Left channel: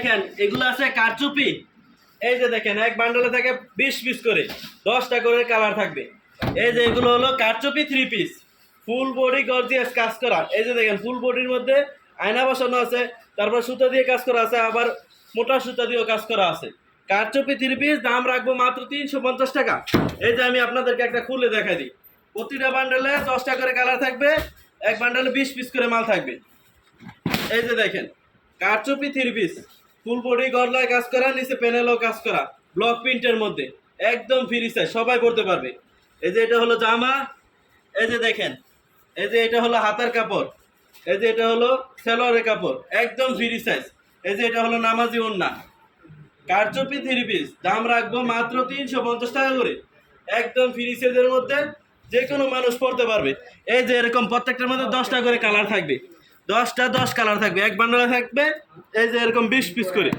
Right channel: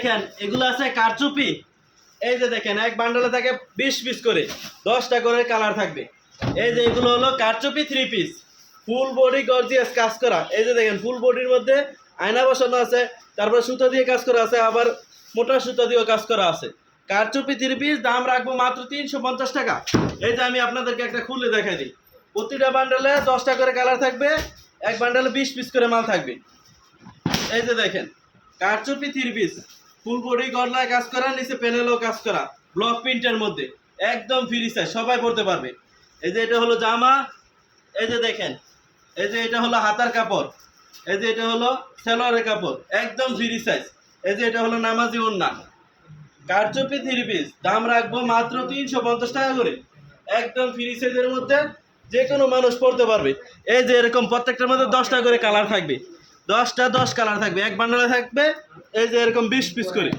দেখেন এগুলো আছে কারচুপি। এই যে দেখেন এক বান্ডলে থাকে 20 পিস করে, 10টা করে কালার থাকবে। এই যে এগুলো হলো কারচুপি 3 পিস, ফুল বডি গর্জিয়াস কাজ করা। এই যে দেখেন ফুল বডির মধ্যে আয়না বসানো আছে, তারপর সুতা দিয়ে কাজ করা আছে, আবার মোটা সুতা দিয়েও কাজ করা আছে। কারচুপি 3 পিস দাম রাখবো মাত্র 350 টাকা। এই যে আমি আপনাদেরকে একটা খুলে দেখাই দিই। প্রতিটা বান্ডলে 10টা করে কালার থাকবে, এক বান্ডলে 20 পিস করে মাল থাকবে। এই যে দেখেন কারচুপি 3 পিস, ফুল বডি গলায় কাজ করা, নিচে প্যানেলও কাজ করা, ব্লক প্রিন্টের মধ্যে, একদম ফ্রি সাইজ, সবাই পড়তে পারবে। এই যে এটা হলো জামা। এই যে দেখেন, এই যে এটা হলো হাতার কাপড়। এই যে এটা হলো সেলোয়ারের কাপড়, একদম ফ্রি সাইজ। এই যে এটা হলো নামাজি ওড়না। কারচুপি 3 পিস দাম রাখবো মাত্র 350 টাকা করে, একদম ফ্রি সাইজের মধ্যে, যে কোনো মানুষ পড়তে পারবে। এই যে এরকম প্রত্যেকটার মধ্যে 10টা করে কালার থাকবে, 10 কালার থাকবে, এক বান্ডলে থাকবে। এই যে এরকম 20 পিস করে।